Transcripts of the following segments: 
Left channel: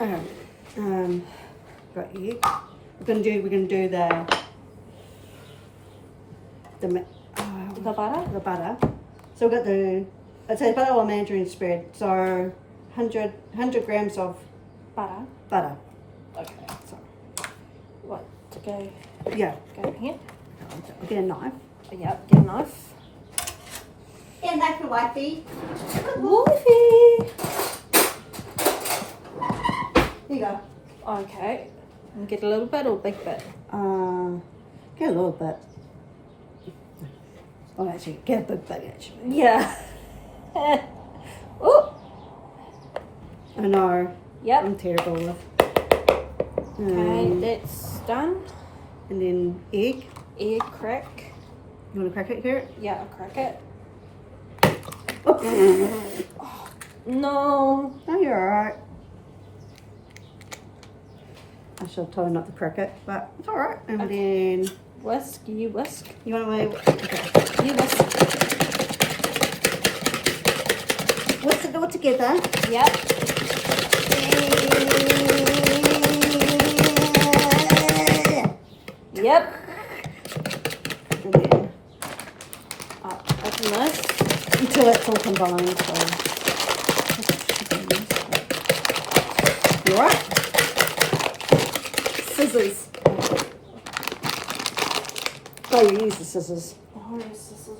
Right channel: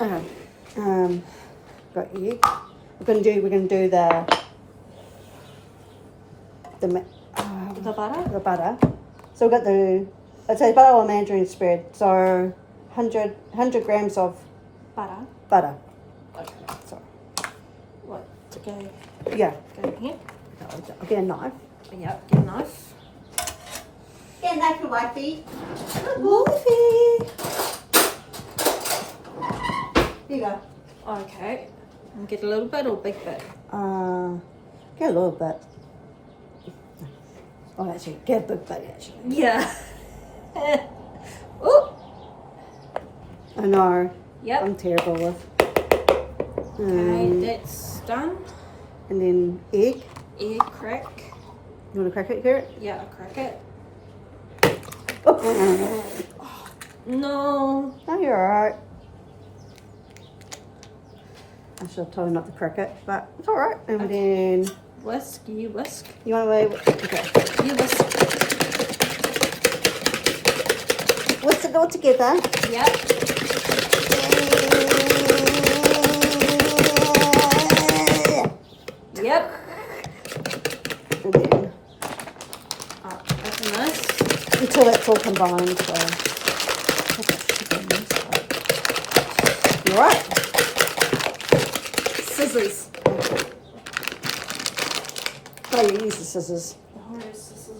Okay. Got egg. We're gonna do The butter? the butter. So we've got it's a butter or margarine spread. So 100 grams of Butter. butter. Okay. So What? To go yeah. in here? I'll get a knife. Yep, get a knife. Get a knife, wifey. Wifey! Here you go. Okay. And get a little bit or big bit? Get a little bit. Oh, actually, get a big bit, actually. Yeah. Oh! I know. Yep. I'm terrible with. Okay, that's done. And then egg. Egg crack. You want to crack it, Garrett? Yeah, I'll crack it. Oh. No. No, you're alright. I should have told her not to crack it, but it's alright. And Okay. then... Whisk, you whisk. You want to wait? Okay. You whisk. Whisk it all together. Yep. Yep. And then... Open this. Until it's all combined, so... You alright? Scissors. Oh, you use the scissors. Oh, the scissors.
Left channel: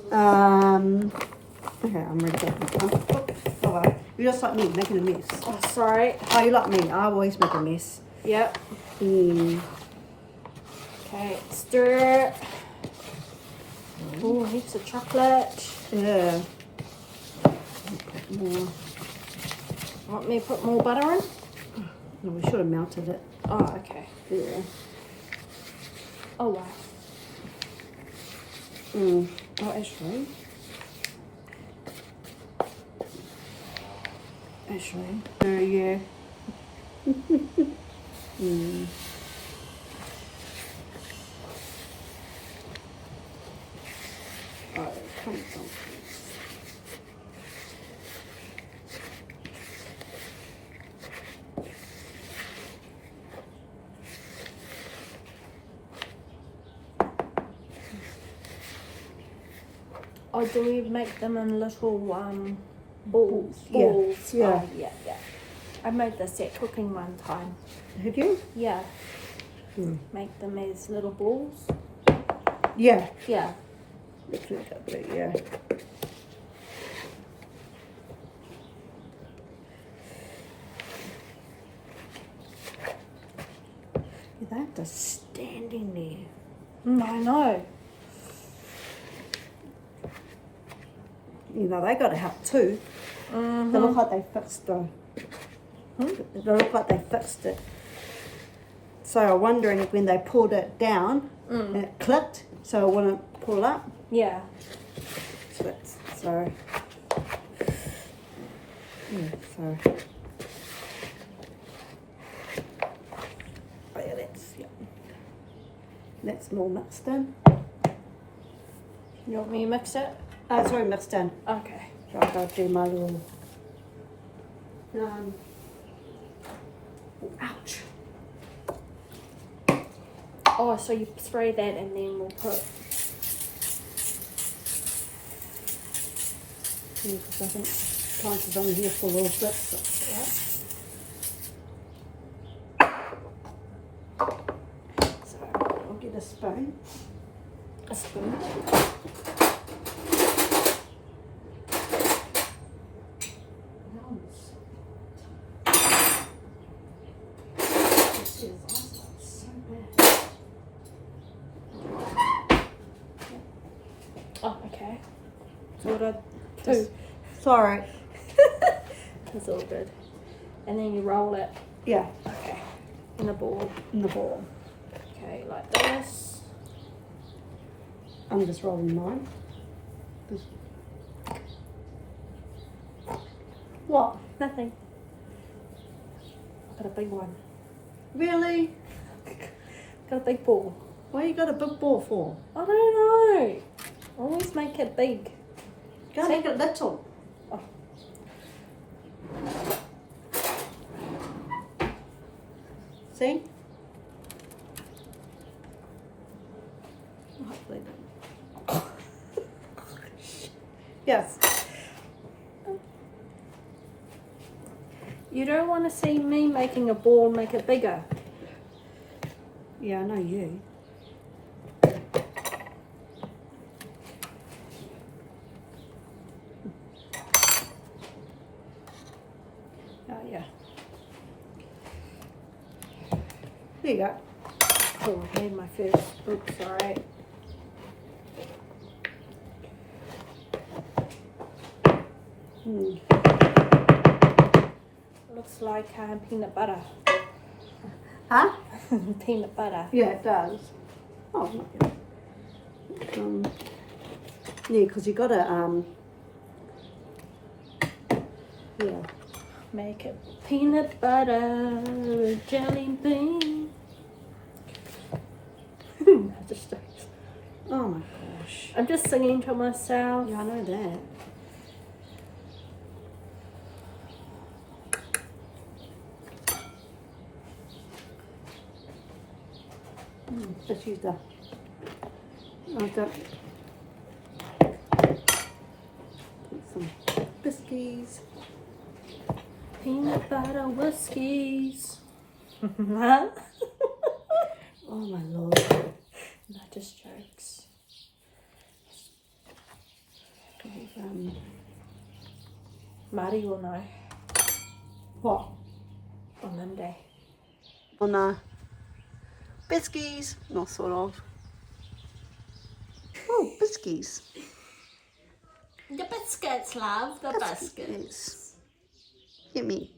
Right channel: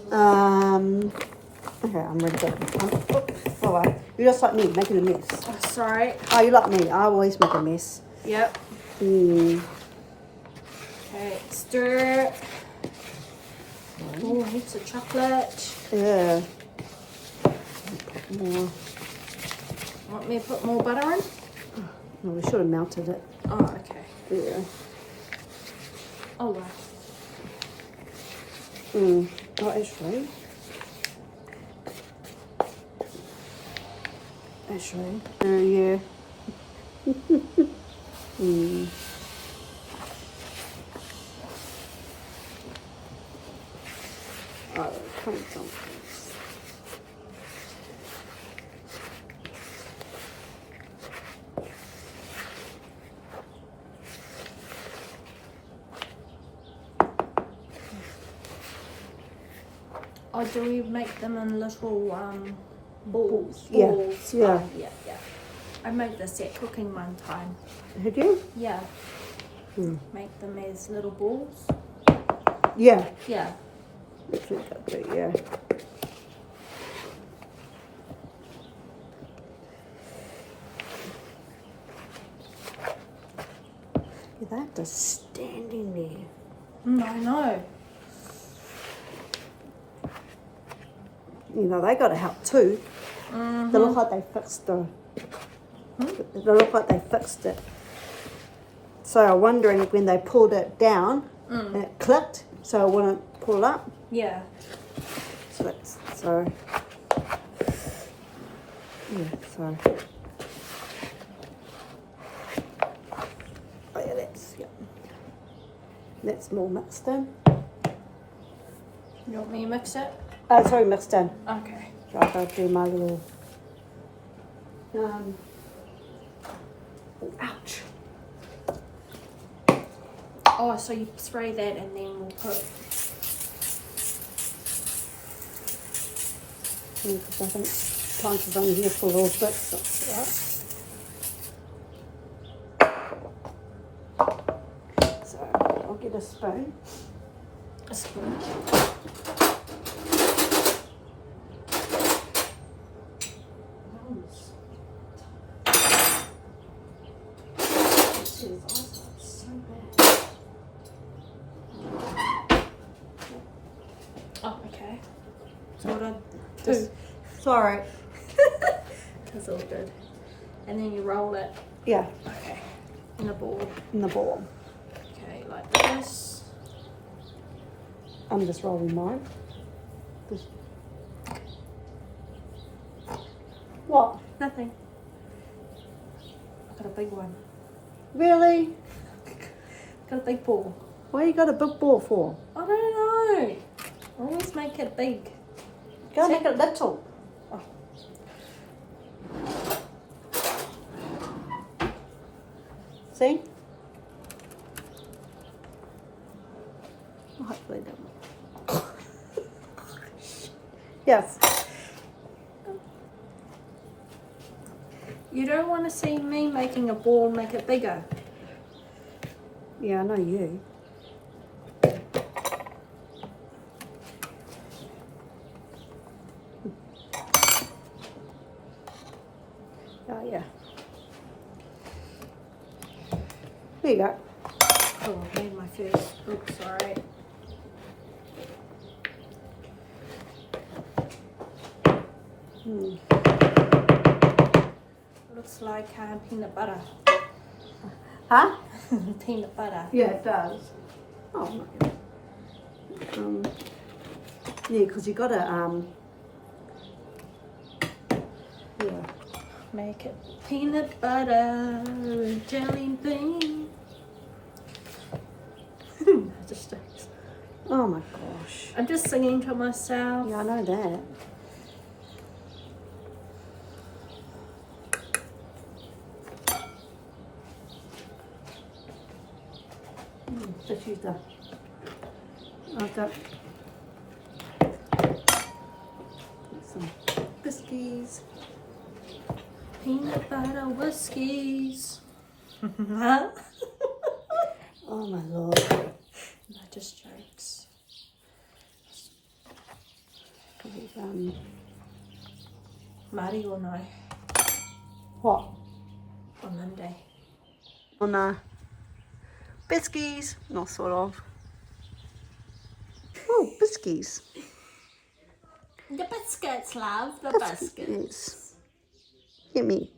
Okay, I'm ready to go. Alright. You're just like me, making a mess. Oh, sorry. Oh, you like me. I always make a mess. Yep. Okay, stir it. Oh, heaps of chocolate. Yeah. More. Want me to put more butter on? No, we should have melted it. Oh, okay. Yeah. Oh, wow. Oh, actually. Yeah. Oh, come on. Oh, do we make them in little balls? Yeah. Balls. Yeah. Oh, yeah, yeah. I made this at cooking one time. Did you? Yeah. Make them as little balls. Yeah. Yeah. Let's make that bit, yeah. They have to stand in there. I know. You know, they got to help too. They look like they fixed the... They look like they fixed it. So I'm wondering if when they pulled it down, and it clicked, so it wouldn't pull up. Yeah. So that's... So... Yeah, so... Oh yeah, that's... Yeah. That's more mixed in. You want me to mix it? Oh, sorry, mixed in. Okay. So I'll go do my little... ouch. Oh, so you spray that and then we'll put... Yeah, 'cause I think times is only here for a little bit, so that's alright. So I'll get a spoon. A spoon. Oh, okay. So what I do? Sorry. It's all good. And then you roll it. Yeah, Okay. In a ball. in the ball. Okay, like this. I'm just rolling mine. This. What? Nothing. I've got a big one. Really? Got a big ball. What you got a big ball for? I don't know. Always make it big. Go make it little. Oh. See? Hopefully they Yes. You don't want to see me making a ball make it bigger. Yeah, I know you. Oh, yeah. There you go. Oh, I made my first. Oops, sorry. Looks like peanut butter. Huh? Peanut butter. Yeah, it does. Oh, yeah, because you got to, yeah. Make it peanut butter jelly bean. Oh my gosh. I'm just singing to myself. Yeah, I know that. Just use the. I've got some biscuits. Peanut butter whiskies. Oh my lord. Not just jokes. We've, Marty will know what? on Monday. Oh no. Biscuits. Not sort of. Oh, biscuits. The biscuits, love. The Biscuits. Get me.